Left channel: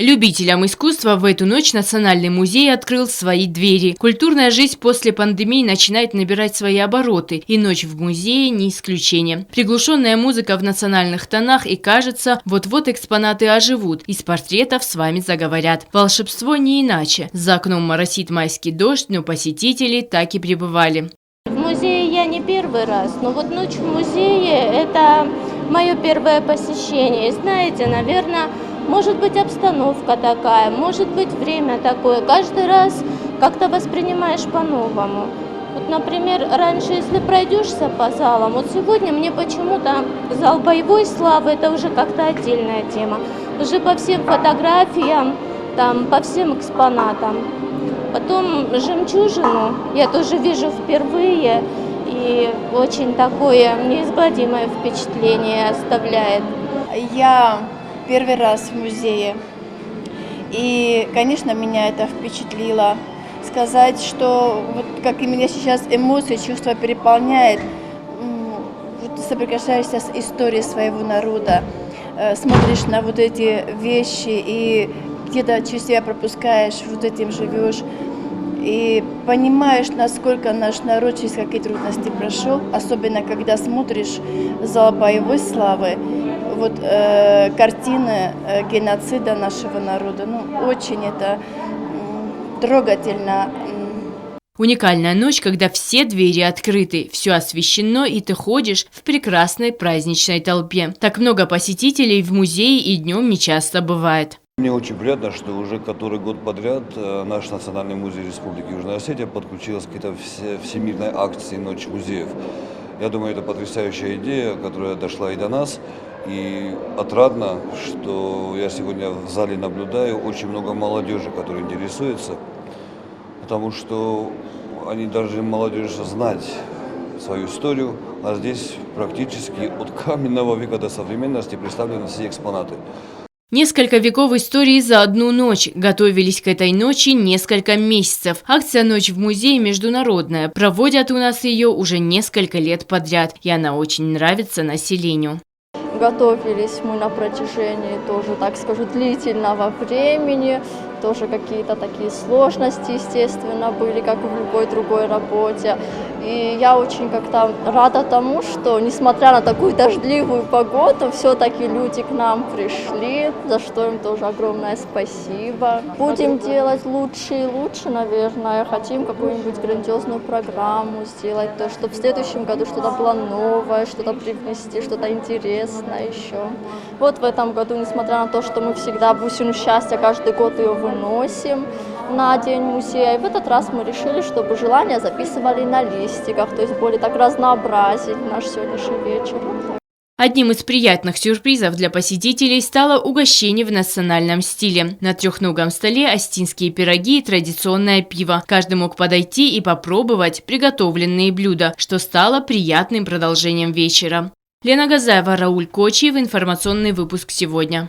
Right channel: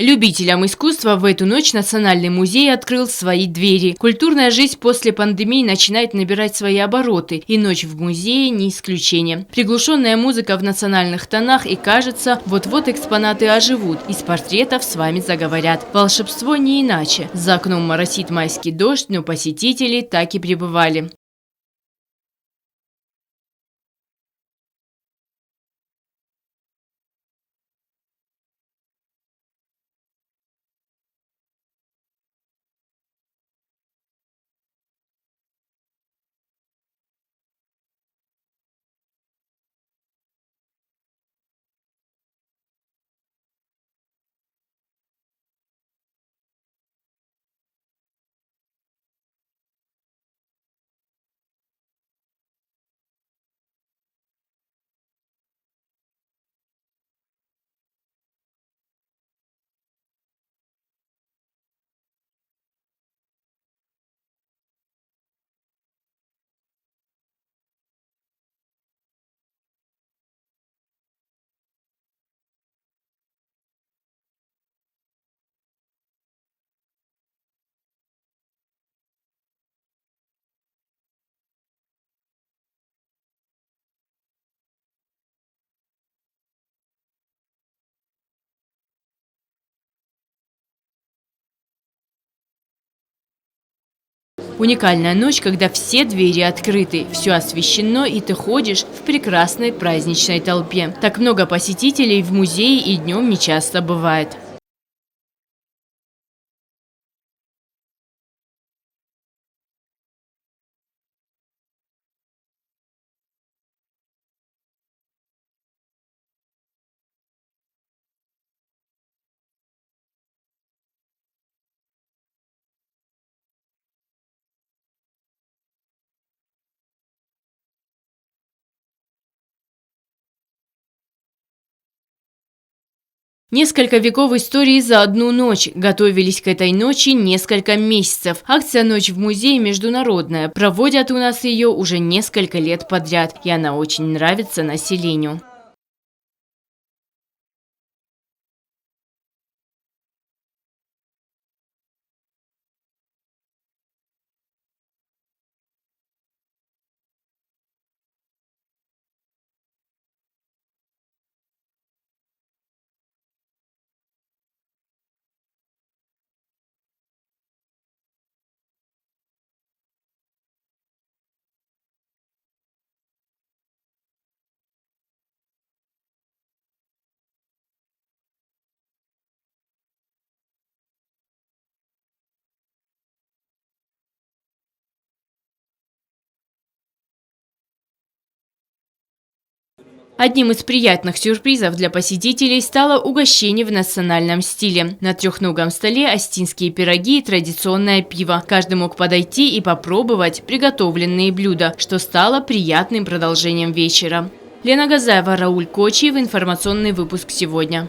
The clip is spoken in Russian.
Любителям искусства в эту ночь Национальный музей открыл свои двери. Культурная жизнь после пандемии начинает набирать свои обороты, и ночь в музее не исключение. Приглушенная музыка в национальных тонах, и кажется, вот-вот экспонаты оживут, из портретов с вами заговорят. Волшебство не иначе. За окном моросит майский дождь, но посетители так и пребывали. В музее я не первый раз, но вот ночь в музее – это мое первое посещение. И знаете, наверное, может быть обстановка такая, может быть время такое. Каждый раз как-то воспринимаешь по-новому. Вот, например, раньше, если пройдешься по залам, вот сегодня мне почему-то зал боевой славы – это уже как-то отдельная тема. Уже по всем фотографиям, там, по всем экспонатам. Потом «Жемчужину» я тоже вижу впервые, и очень такое неизгладимое впечатление оставляет. Я первый раз в музее, и, конечно, меня это впечатлило. Сказать, что вот как и меня сейчас эмоции, чувства переполняет, вот соприкасаешься с историей своего народа, смотришь на вот эти вещи и где-то через себя пропускаешь, вот этим живешь. И понимаешь, насколько наш народ через какие трудности прошел, особенно когда смотришь зал боевой славы, вот картины геноцида нашего народа. Ну, очень это трогательно. Уникальная ночь, когда все двери открыты, все освещено, и ты ходишь в прекрасной праздничной толпе. Так много посетителей в музее и днем нечасто бывает. Мне очень приятно, что уже который год подряд наш Национальный музей Республики Южная Осетия подключился к этой всемирной акции «Ночь музеев». Я думаю, это потрясающая идея, которая дошла и до нас. И отрадно, что я сегодня в зале наблюдаю очень много молодежи, которая интересуется, потому что они должны, молодежь, знать свою историю, а здесь практически от каменного века до современности представлены все экспонаты. Несколько веков истории за одну ночь. Готовились к этой ночи несколько месяцев. Акция «Ночь в музее» международная. Проводят у нас ее уже несколько лет подряд. И она очень нравится населению. Готовились мы на протяжении тоже, так скажу, длительного времени. Тоже какие-то такие сложности, естественно, были, как и в любой другой работе. И я очень как-то рада тому, что, несмотря на такую дождливую погоду, все-таки люди к нам пришли, за что им тоже огромное спасибо. Будем делать лучше и лучше, наверное. Хотим какую-нибудь грандиозную программу сделать, то, чтобы в следующем году что-то было новое, что-то привнести, что-то интересное еще. Вот в этом году, несмотря на то, что мы всегда бусину счастья каждый год ее выносим на День музея, и в этот раз мы решили, чтобы желания записывали на листиках, то есть более так разнообразить наш сегодняшний вечер. Одним из приятных сюрпризов для посетителей стало угощение в национальном стиле. На трехногом столе остинские пироги и традиционное пиво. Каждый мог подойти и попробовать приготовленные блюда, что стало приятным продолжением вечера. Лена Газаева, Рауль Кочиев. Информационный выпуск сегодня.